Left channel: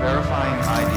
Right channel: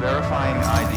Verifying ID.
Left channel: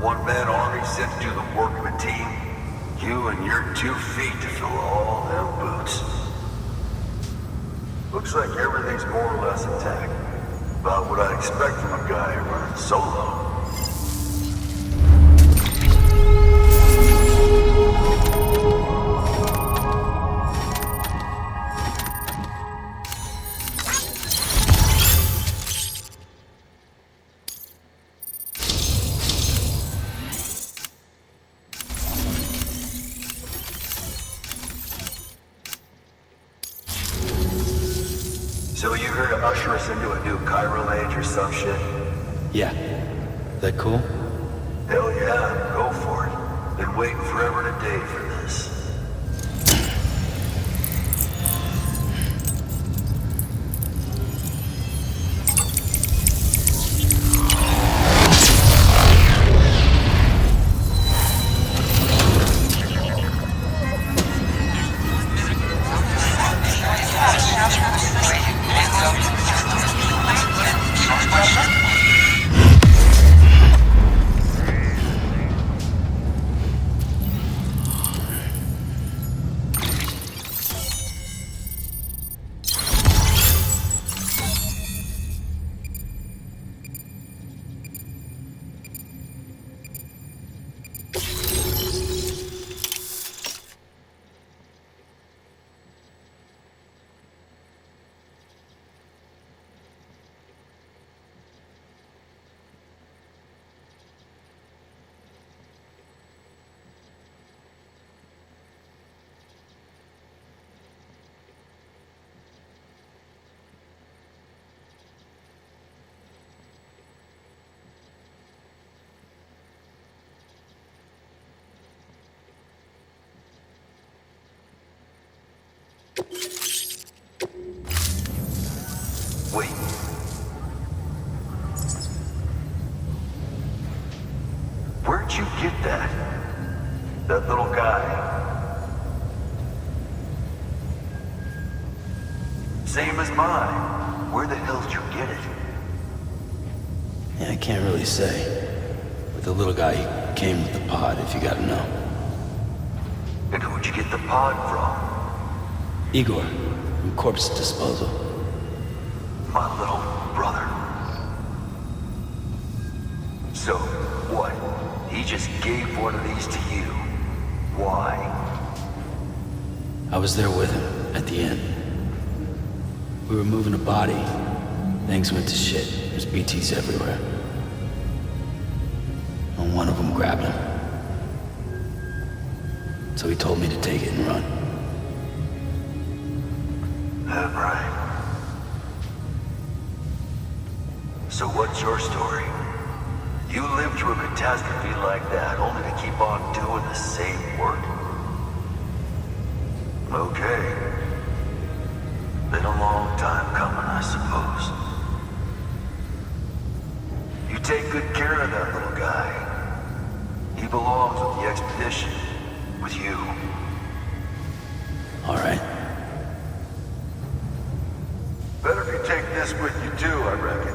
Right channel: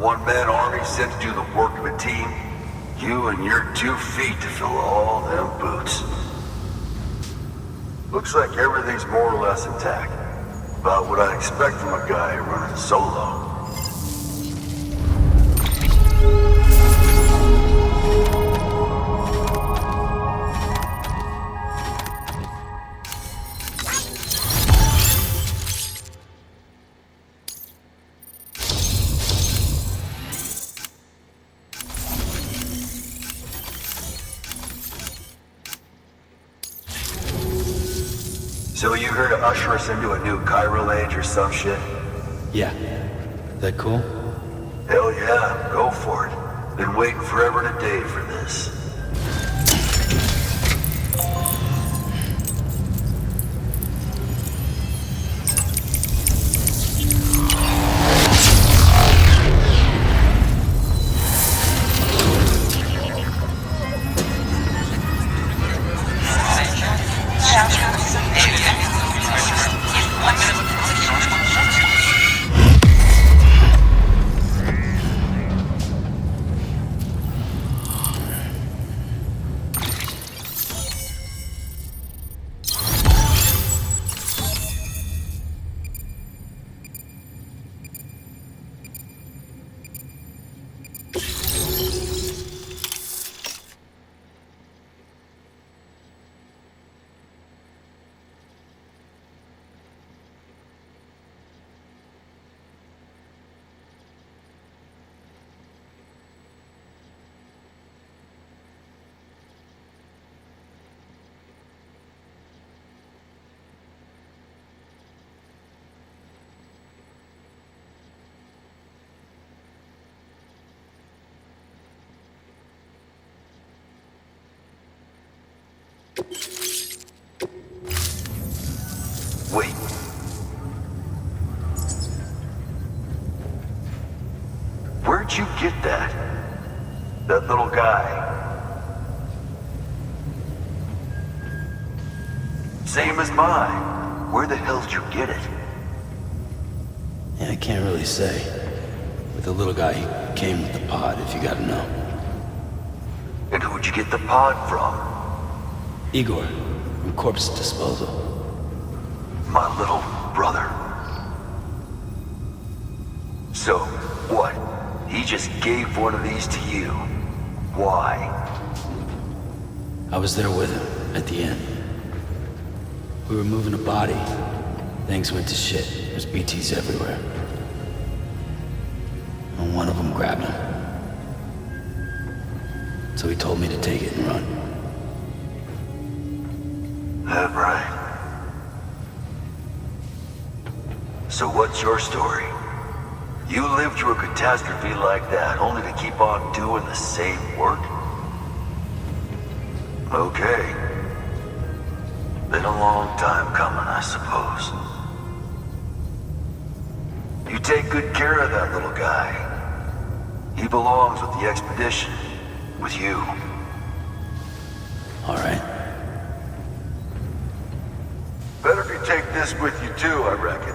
One-man army sent to do the work of a team. You and your 2 feet to fill all them boots. Looks like everything's more or less intact. About what I'd expect from a guy running solo. So you here to usher us into a new chiral age or some shit? Yeah. That cool? Hell yeah, go for it. Been waiting forever and a day for this. Wait. Where'd you get that? That little guy? Same as mine. Where the hell did you get it? Yeah, I can't really say. With the little guy, he came with the pod, if you gotta know. And who'd you get the pod from? Igor, from Corpse Disposal. My little brother. So, what? He just gave one of these to you. Why? I was there with him, at the end. We were moving a body. Things went to shit. There's BTs everywhere. And one of them grabbed him. So he told me to take it and run. That right. So what's your story? You lived through a catastrophe like that, only to keep on doing the same work? Okay. Been a long time coming, I suppose. You take good care of that little guy. He belongs with the expedition. With you. All right. Better if you take this with you too, I reckon.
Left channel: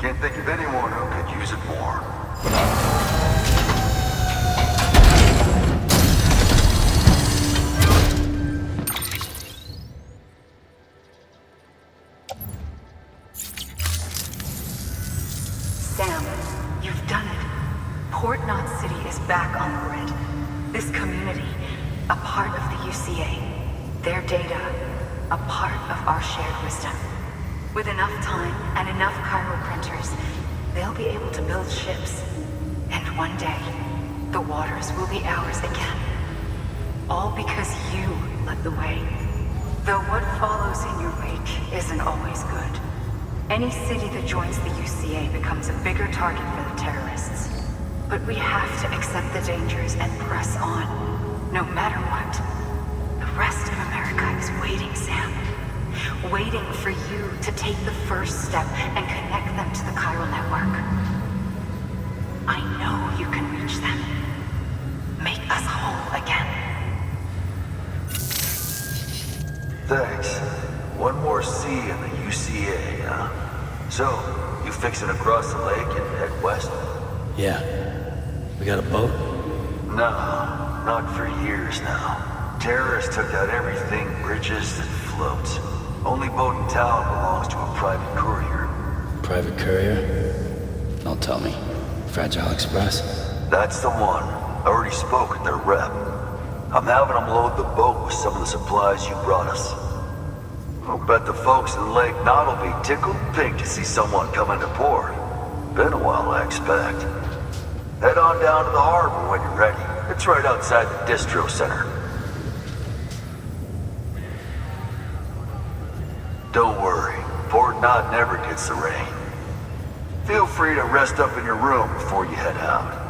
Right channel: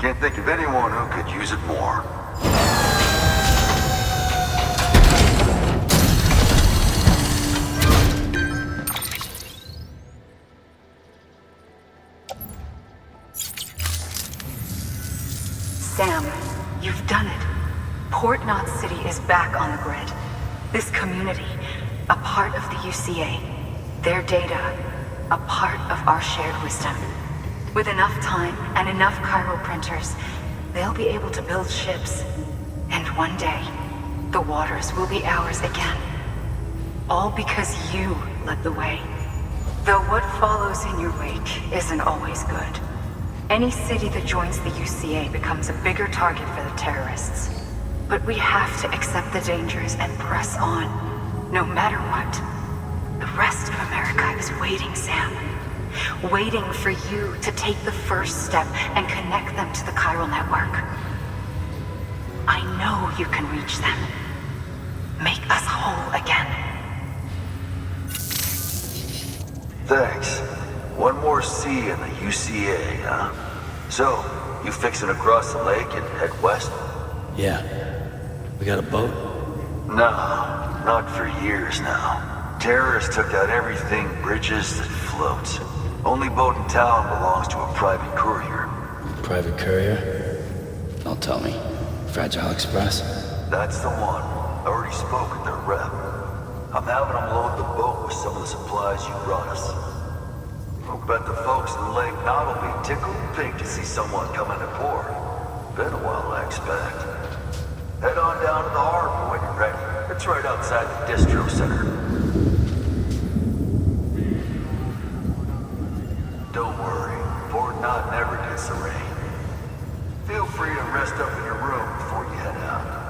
Can't think of anyone who could use it more. Sam, you've done it. Port Knot City is back on the grid. This community, a part of the UCA. Their data, a part of our shared wisdom. With enough time and enough chiral printers, they'll be able to build ships. And one day, the waters will be ours again. All because you led the way. Though what follows in your wake isn't always good. Any city that joins the UCA becomes a bigger target for the terrorists. But we have to accept the dangers and press on, no matter what. The rest of America is waiting, Sam. waiting for you to take the first step and connect them to the chiral network. I know you can reach them. Make us whole again. Thanks. One more C in the UCA, huh? So, you fixing to cross the lake and head west? Yeah. We got a boat? No, not for years now. Terrorists took out everything bridges that floats. Only boat in town belongs to a private courier. Private courier? Don't tell me. Fragile Express? That's the one. I already spoke with their rep. I'm having them load the boat with some of the supplies you brought us. I'll bet the folks in Lake Knot will be tickled pink to see someone come into port. Been a while, I expect. Head on down to the harbor when you're ready. It's right outside the distro center. Don't worry, Port Knot never gets the rain. Feel free to rest up in your room before you head out.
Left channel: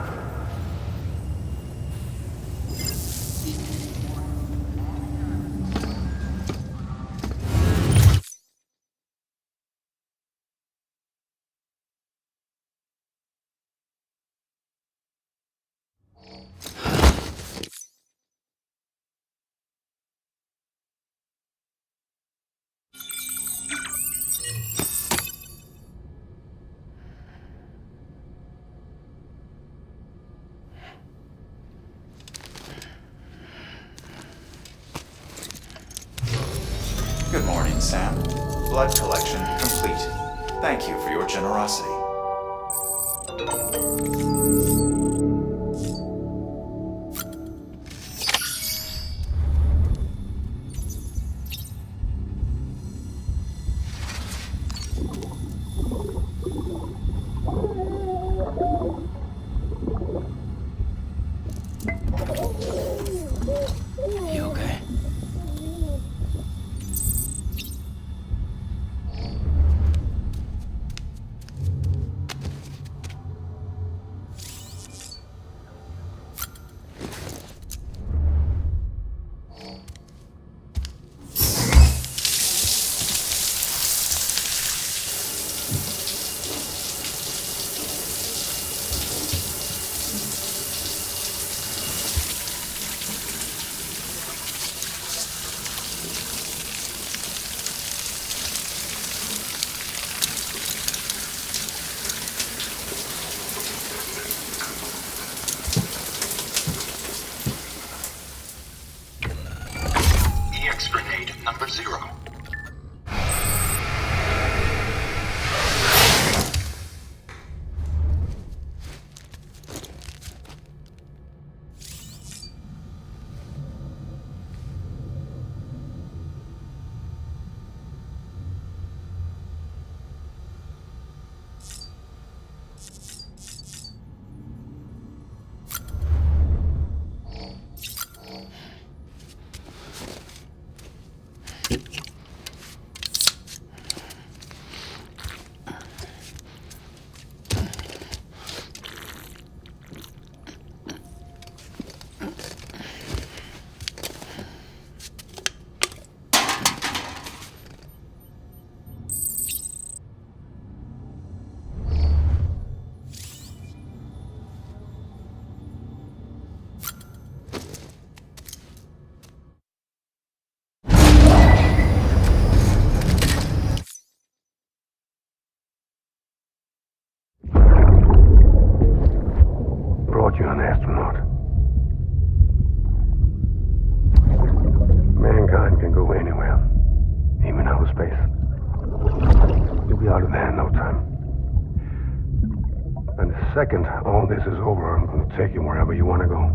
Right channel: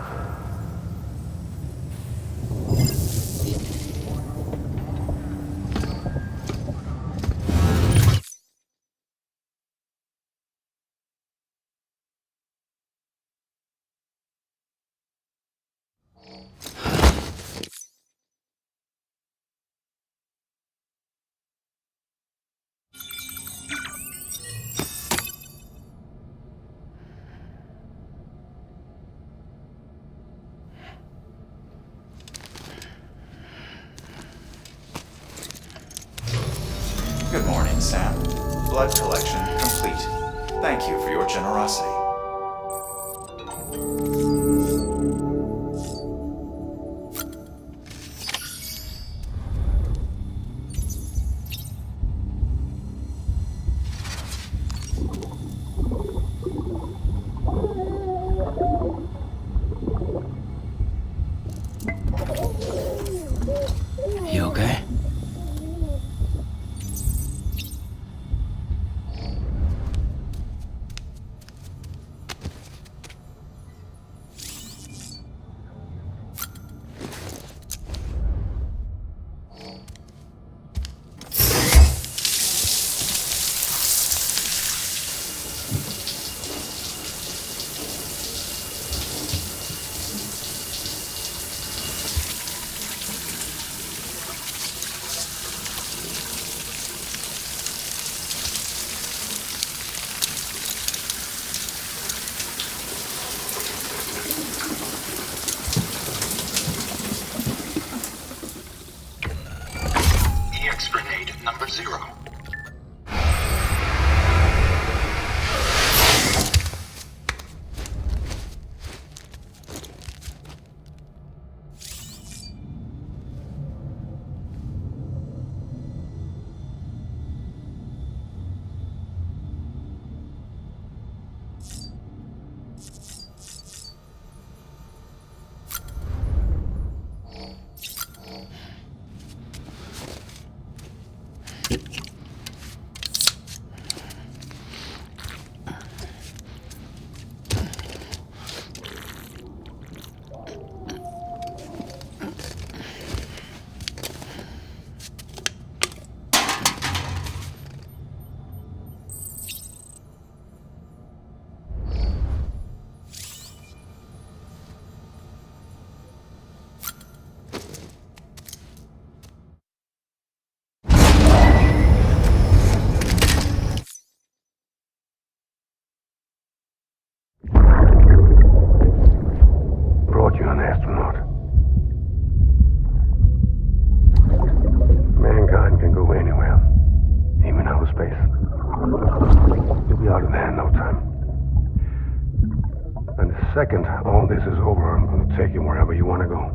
Good morning, Sam. Blood collection complete. Thank you for your generosity. You okay? EX grenade number 0. Brought you an astronaut. Mankind can go anywhere, even outer space. You'll be out of there in no time. And the second all this is over, I'm going to take you wherever you want to go.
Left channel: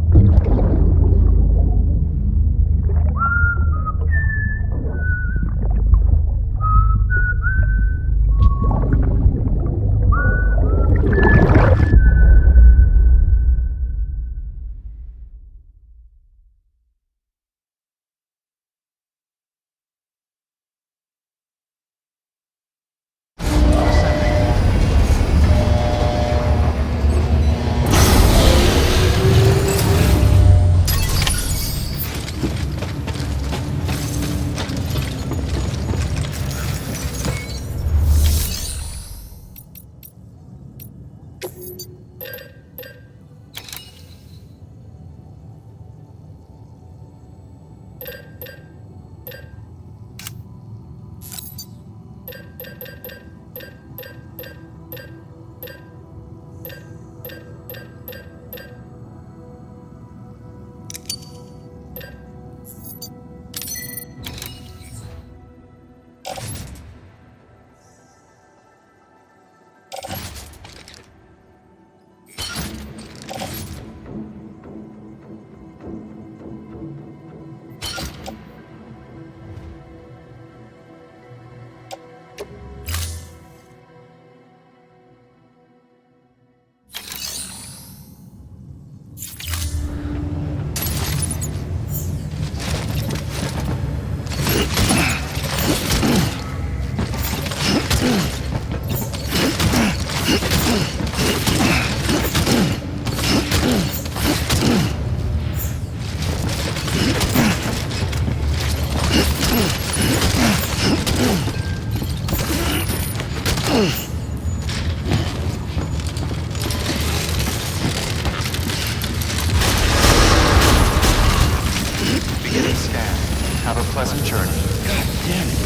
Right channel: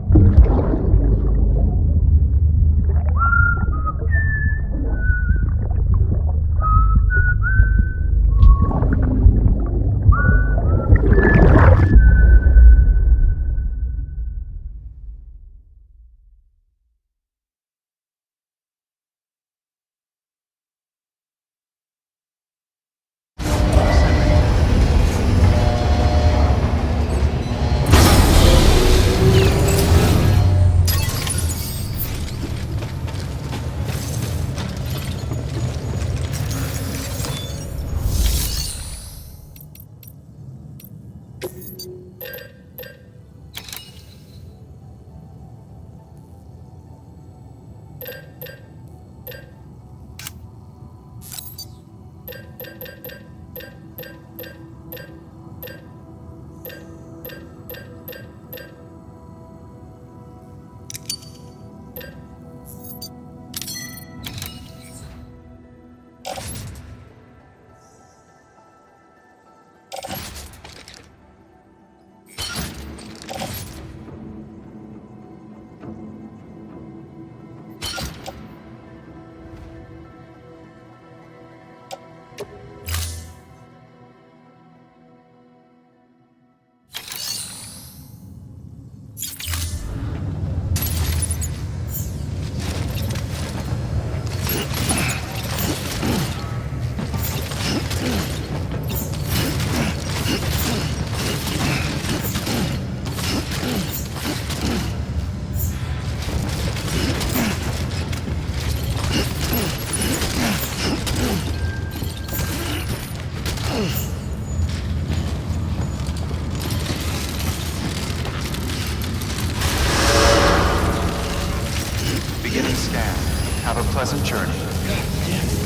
Beginning scan. Have a pleasant journey. God damn it.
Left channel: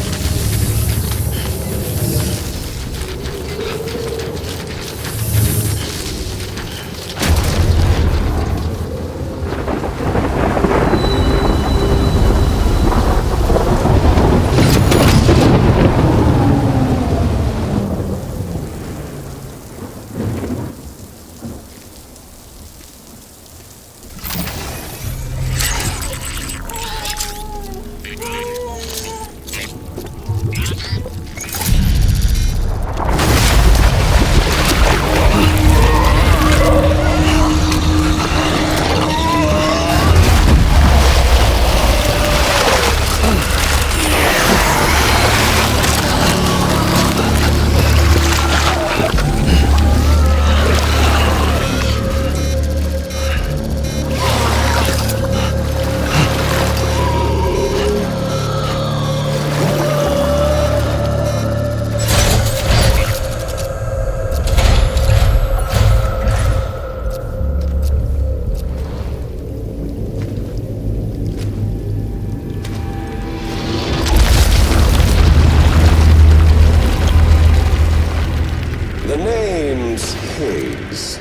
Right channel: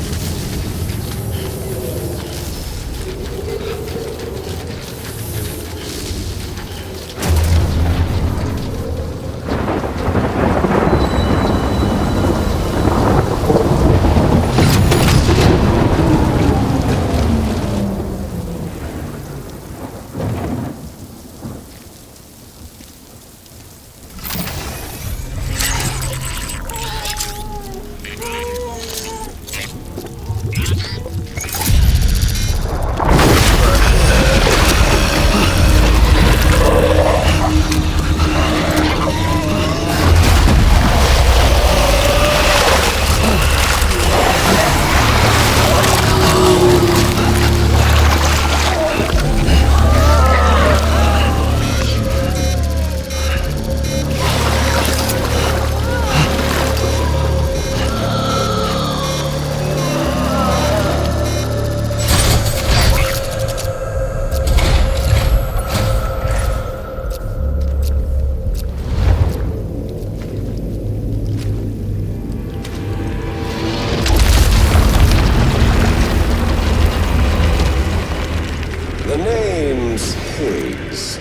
The name's Higgs,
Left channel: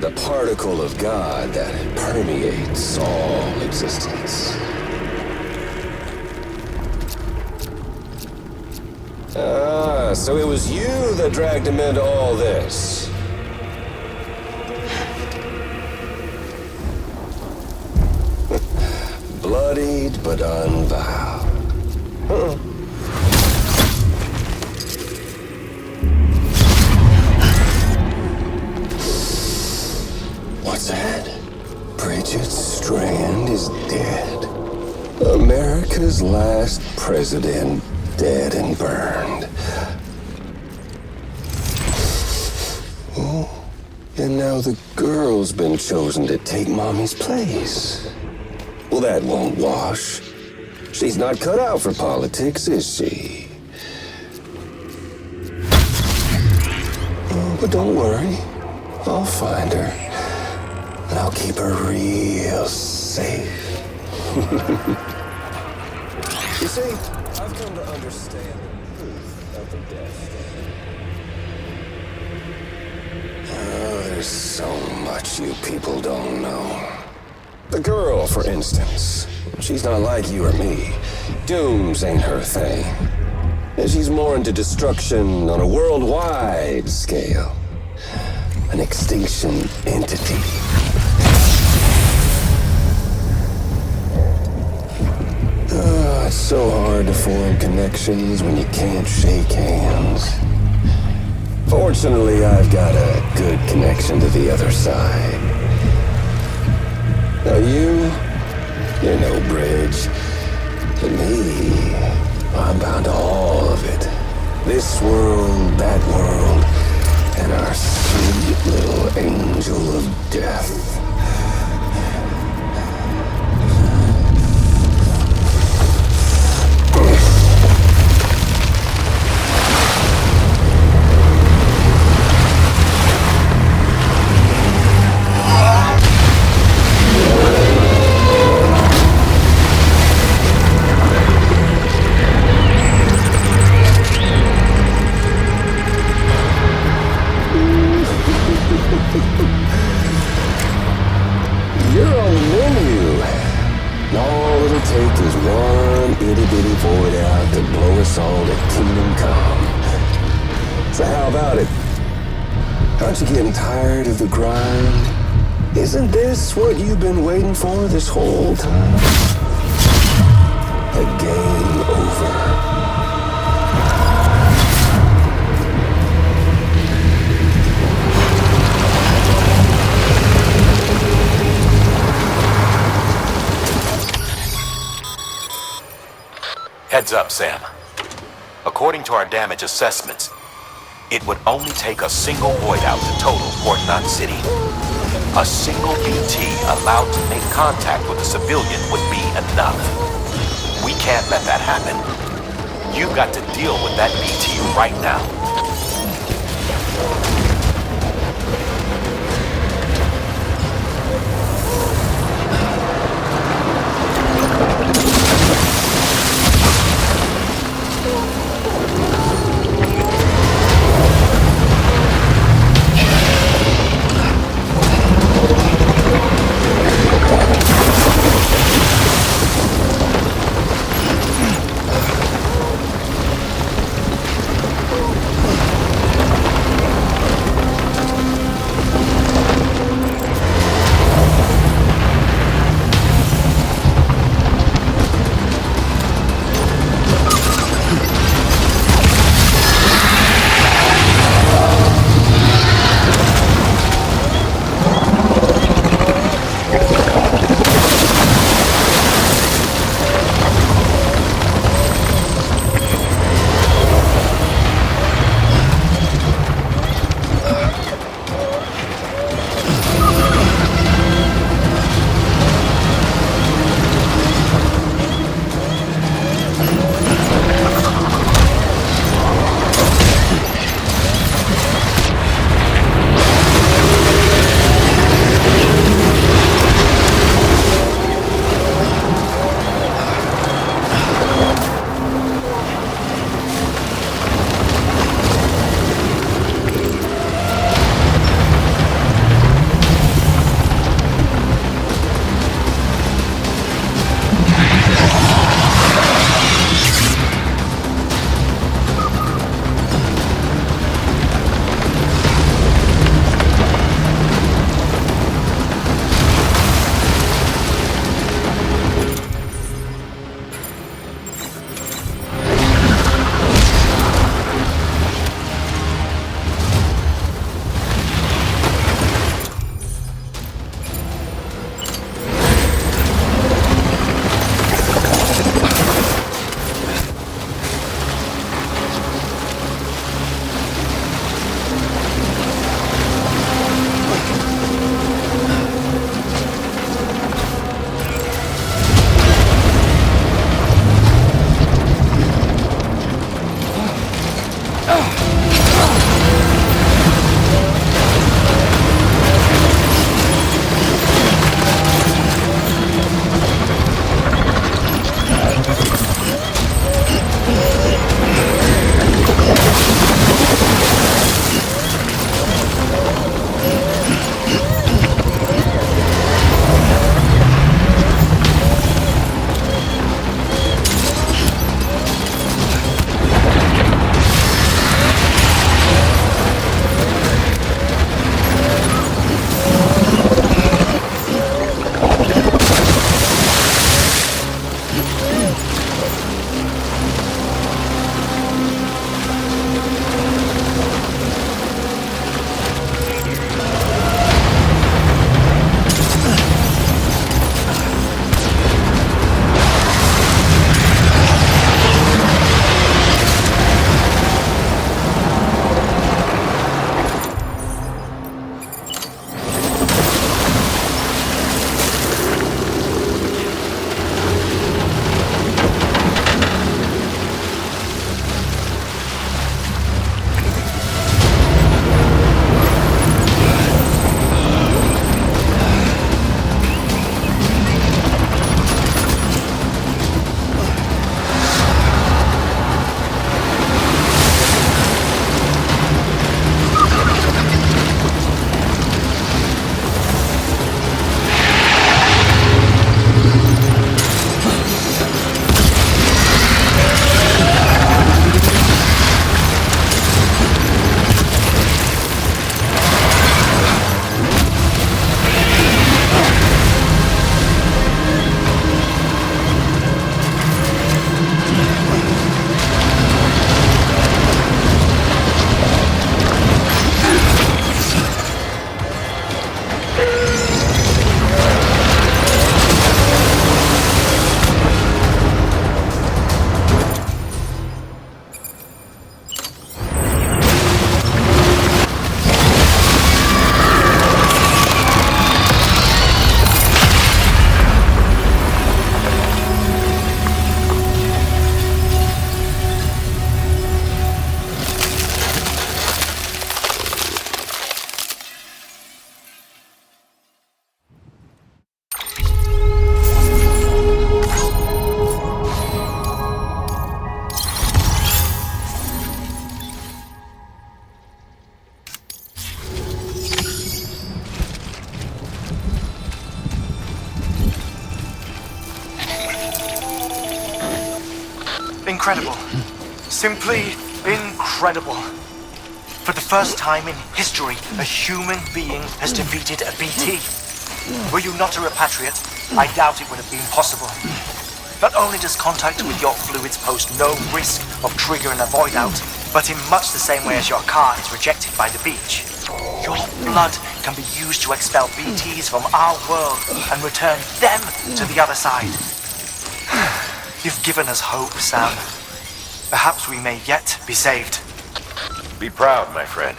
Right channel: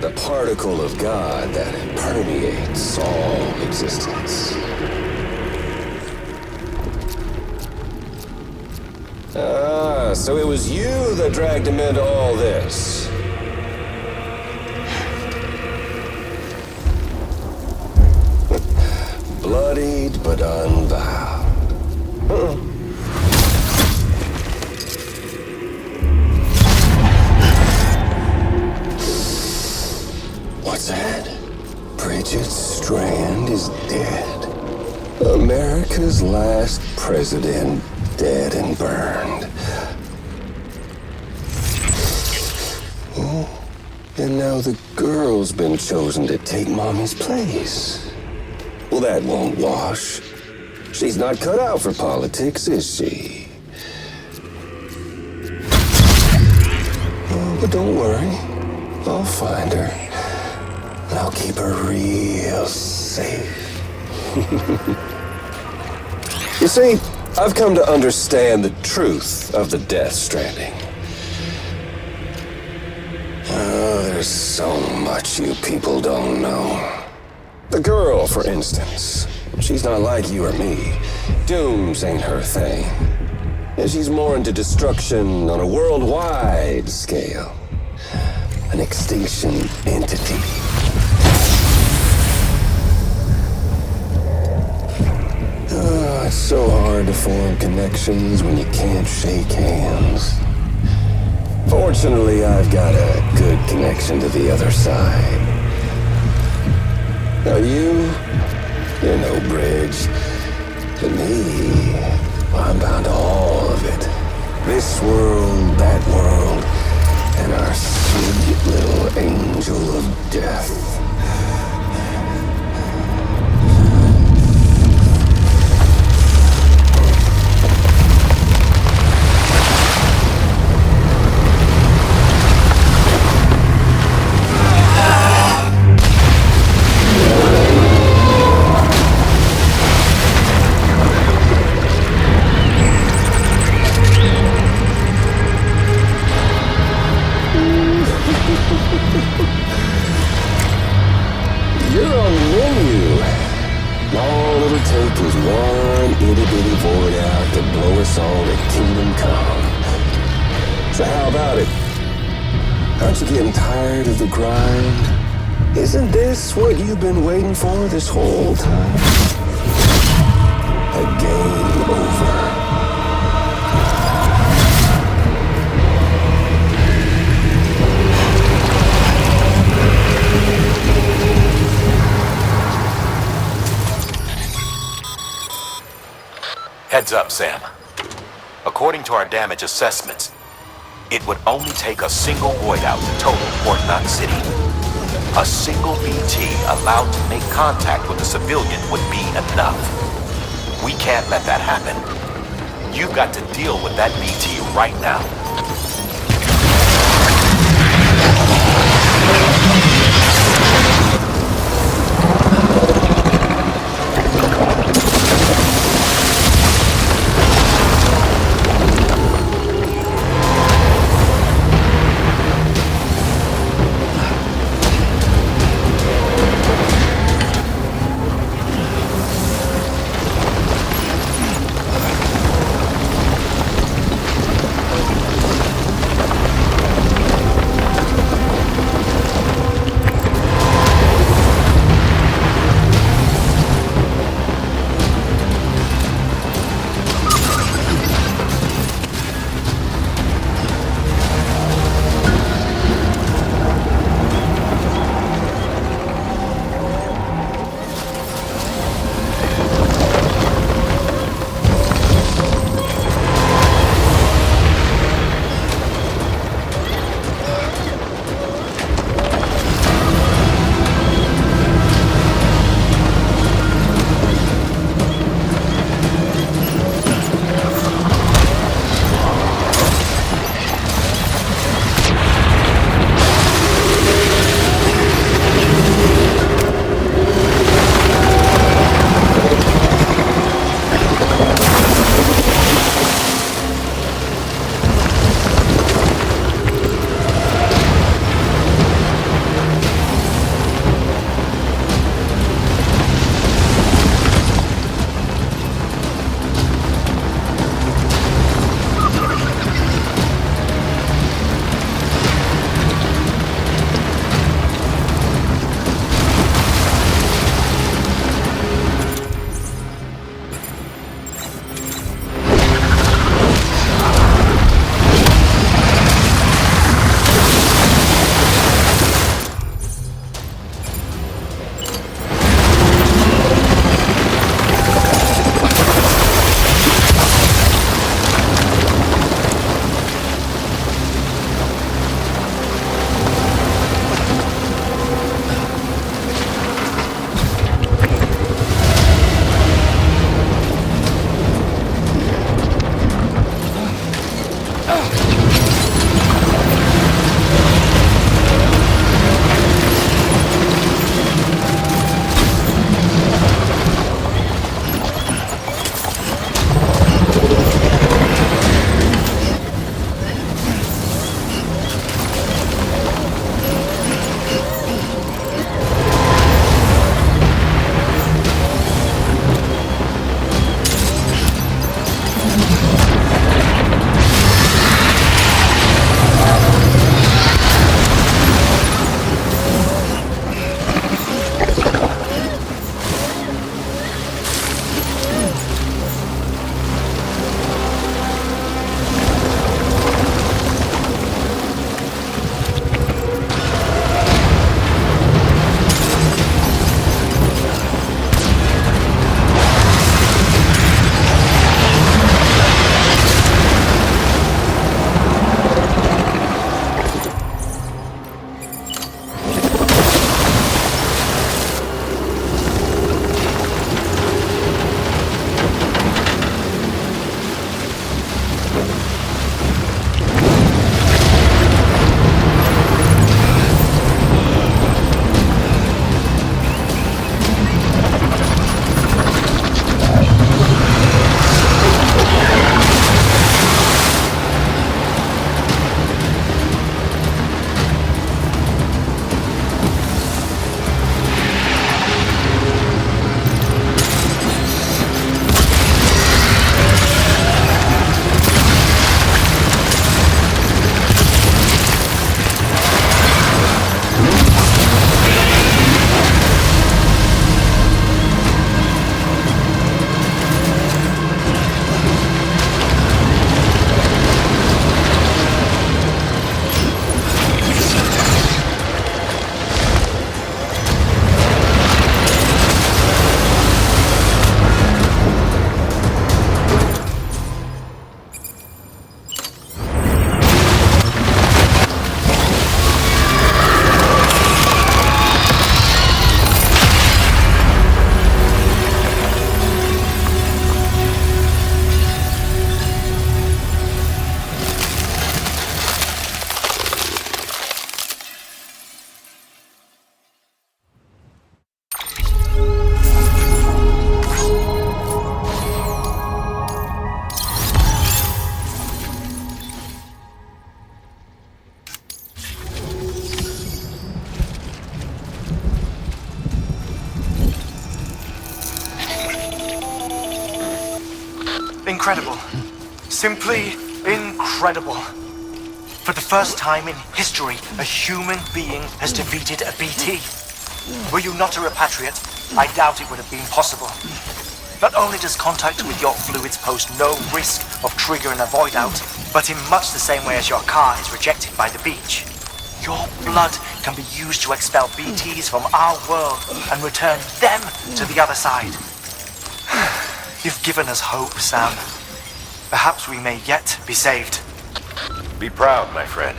the particle of God that permeates all existence. Ah, so it was you that dragged him into all this. Bloodied but unvowed. What's that? Bridget Strand is dead. America's last president dead and burned. Oh, and now the girl's been chosen to take Mommy's place. Well, that won't wash. She's not cut out for politics, is she? Oh, but don't worry. I'll find her. And I'll keep her real safe. You see, I've come to understand the truth of the Death Stranding. Oh, there's so much you people don't know. The girl, for instance, she's not like you or me. Dooms ain't her thing. And she's more into destruction on a worldwide scale. An extinction entity. Oh, it's so hard to form connections when you can't shake hands. Fortunately, I've got a good connection to the other side. Now you're no bridge. But me, I'm bound to all of it. This world, that world, and our sweet little angel of death. You're on the menu. All it'll take is one itty-bitty void out to blow us all to kingdom come. So how about it? Aren't you getting tired of the grind? Isn't this what you've been waiting for this whole time? A game over. Heads up, Sam. According to our damage assessments, it would only take a single void out to total Port Knot City. A single BT allowed to make contact with a civilian would be enough. We can't let that happen. You've got to deal with that BT right now. incredible. Simply incredible. For the first time in history, a human being has defeated a BT. Were you not a repatriate, I doubt it would have been possible. Not only does contact with your fluids pose no risk of triggering a void out, but in much the same way as your car is rejected by the beach. Your blood can be used to expel BTs from our world and return them to the other side. You've given us hope, Sam. Perhaps we may yet be saved. Be proud, my friend.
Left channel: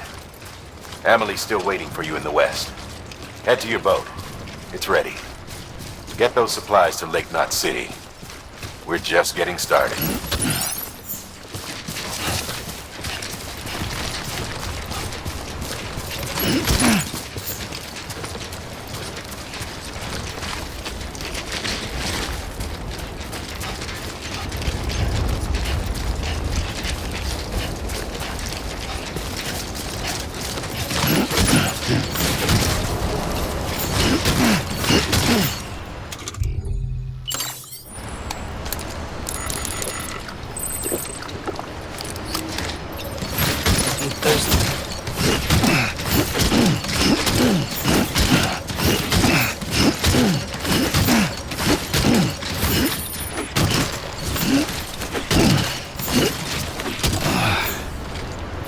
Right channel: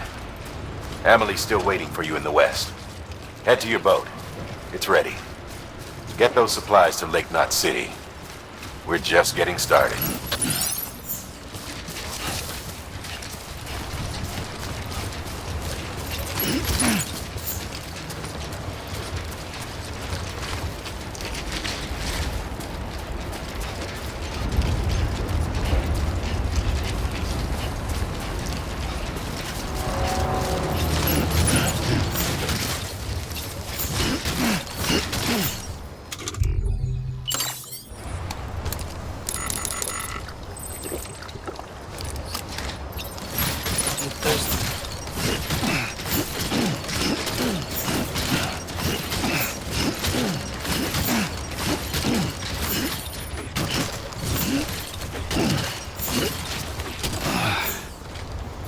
Amelie's still waiting for you in the west. Head to your boat. It's ready. Get those supplies to Lake Knot City. We're just getting started.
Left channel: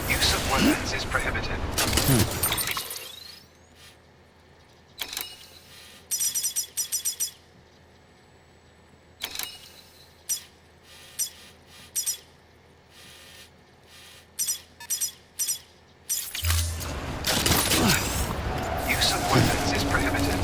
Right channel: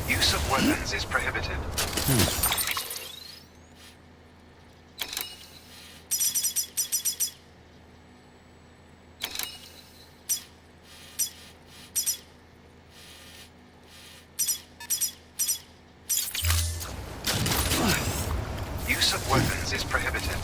Use of weapons is prohibited. Use of weapons is prohibited.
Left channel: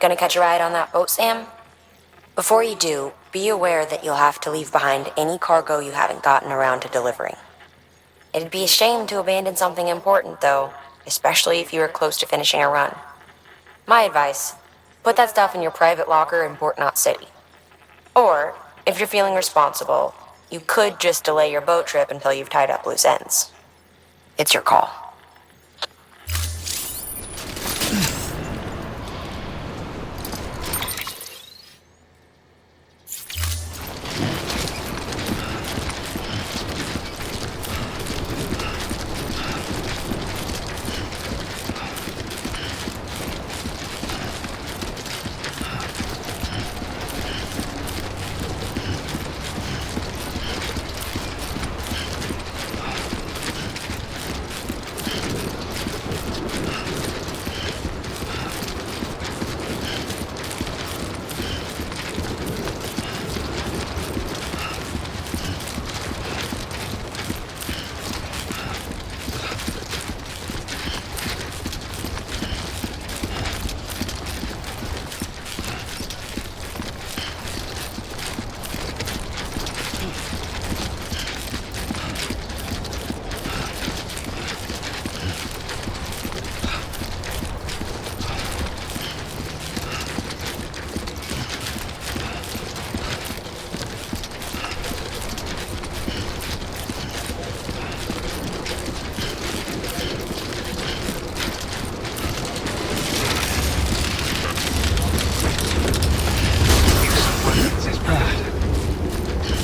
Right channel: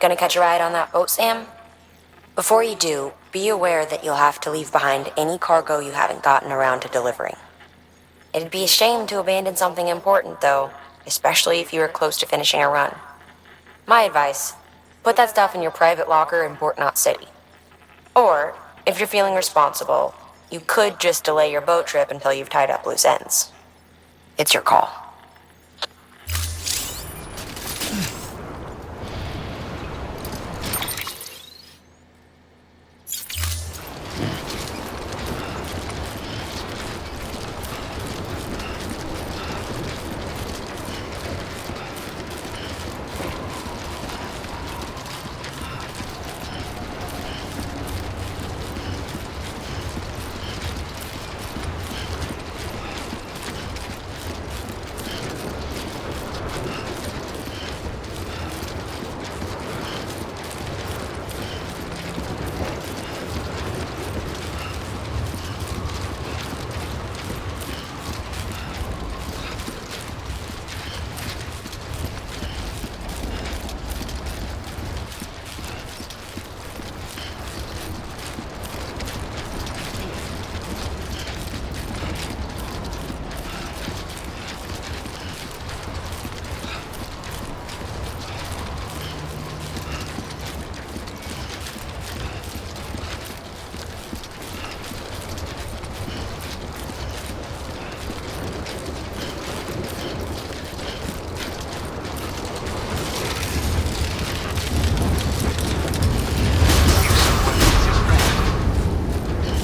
Gonna catch a ride on that boat, Sam? Before you do, be aware that you'll have to leave behind any cargo you haven't gotten around to delivering. It'd be a shame to abandon something important, though, especially if you are close to finishing a run. My advice, put that stuff in your private locker in Port Knot City. Or, if you're feeling responsible, you could just delay your boat trip until you've tied up loose ends. It's your call.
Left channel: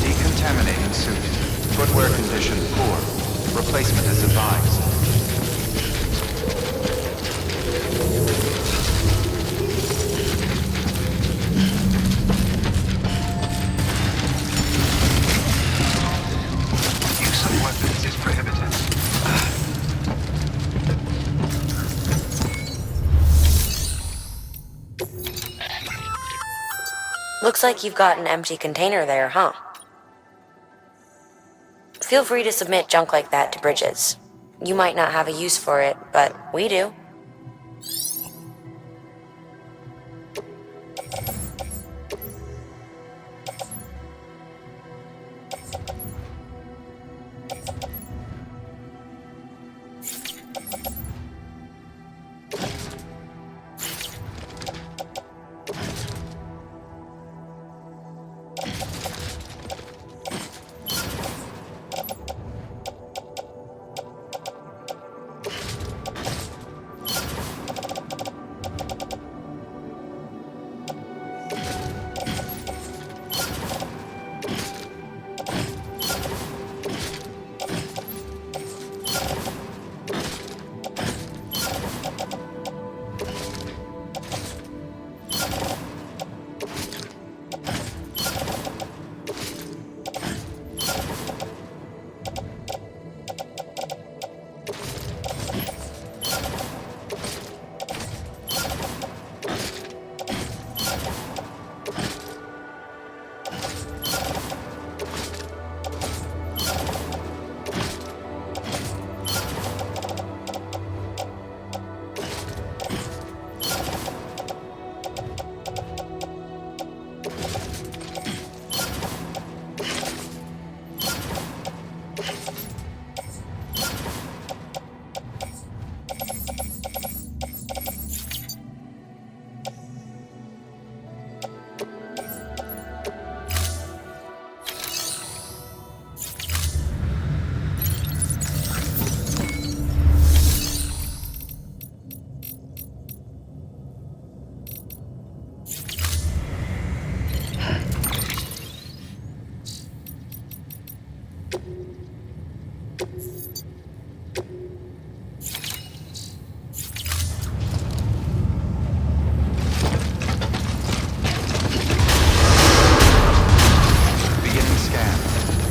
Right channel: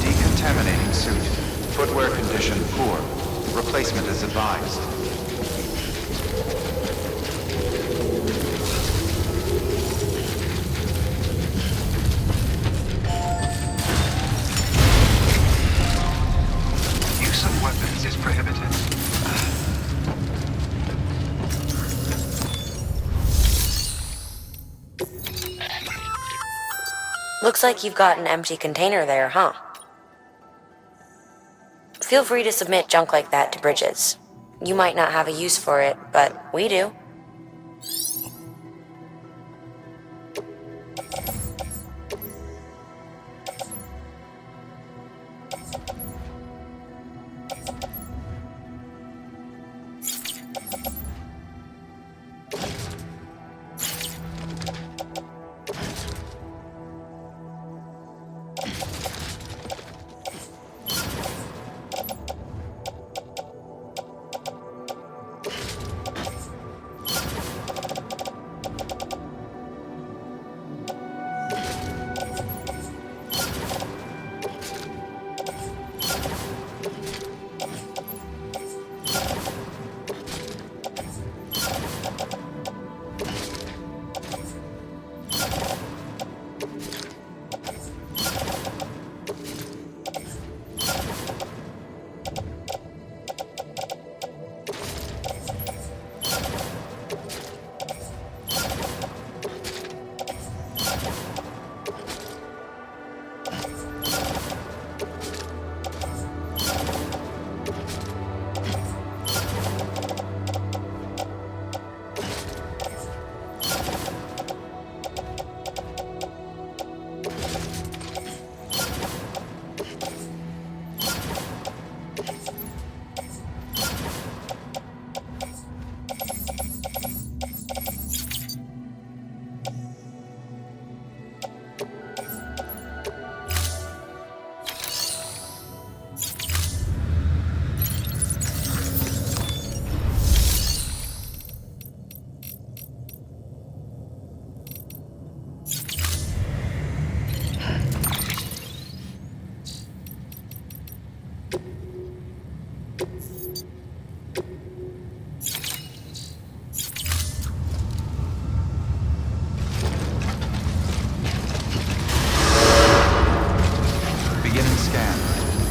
Decontaminating suit. Footwear condition poor. Replacement is advised. Use of weapons is prohibited. Looks like you've got an empty container there, huh? Feel free to submit junk like that to Bridges. You might not have a use for it, but we do. Beginning scan.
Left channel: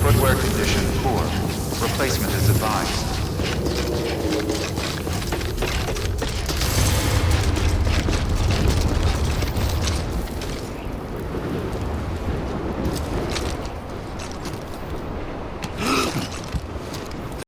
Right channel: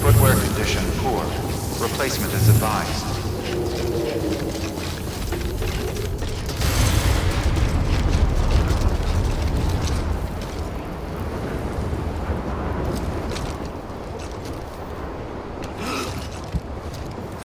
Footwear condition poor. Replacement is advised.